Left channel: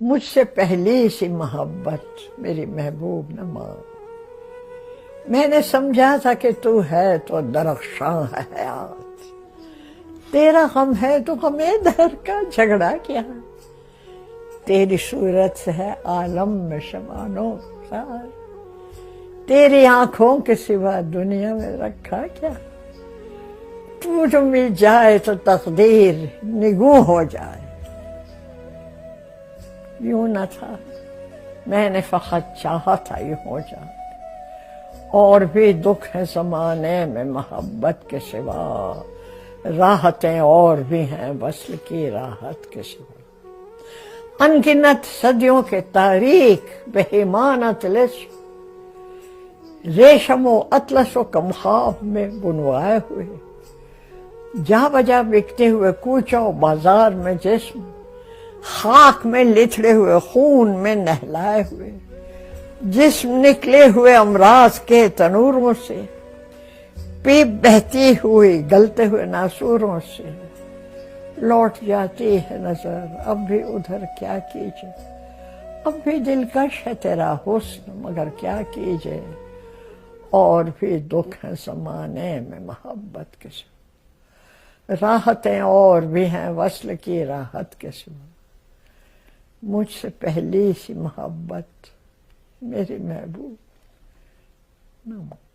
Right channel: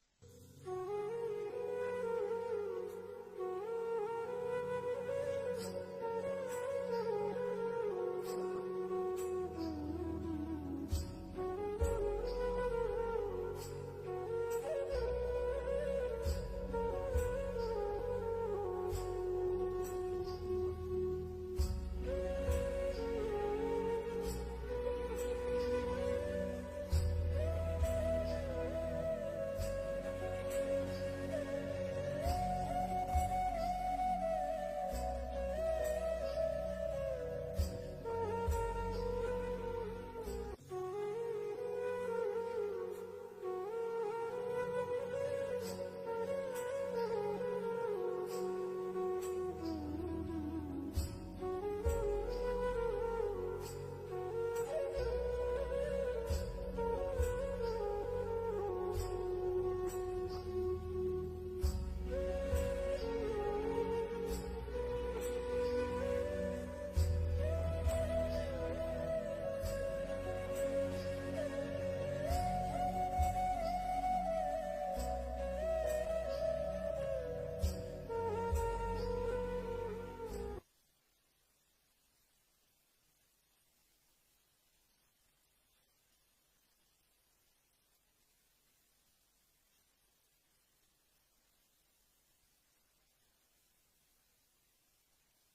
مجھ سے پہلی سی محبت میری محبوب نہ مان، میں نے سمجھا تھا کہ تو ہے تو درخشاں ہے حیات، تیرا غم ہے تو ہمیں در کا جھگڑا کیا، تیری صورت سے ہے عالم میں شبانو سار، تیری آنکھوں کے سوا دنیا میں رکھا کیا، تو جو مل جائے تو تقدیر نگوں ہو جائے، یوں نہ تھا میں نے فقط چاہا تھا یوں ہو جائے، اور بھی دکھ ہے زمانے میں محبت کے سوا، راحتیں اور بھی ہیں وصل کی راحت کے سوا، انگنت صدیوں کے تاریخ بہیمانہ طلسم، ریشم و اطلس و کمخاب میں بنوائے ہوئے، جا بجا بکتے ہوئے کوچوں و بازار میں جسم، خاک میں لتھڑے ہوئے خون میں نہلائے ہوئے، جسم نکلے ہوئے امراض کے تنوروں سے، پیپ بہتی ہوئی گلتے ہوئے ناسوروں سے، لوٹ جاتی ہے نظر اب بھی ادھر کیا کیجے، اب بھی دلکش ہے تیرا حسن مگر کیا کیجے، اور بھی دکھ ہے زمانے میں محبت کے سوا، راحتیں اور بھی ہیں وصل کی راحت کے سوا، مجھ سے پہلی سی محبت میری محبوب نہ مان۔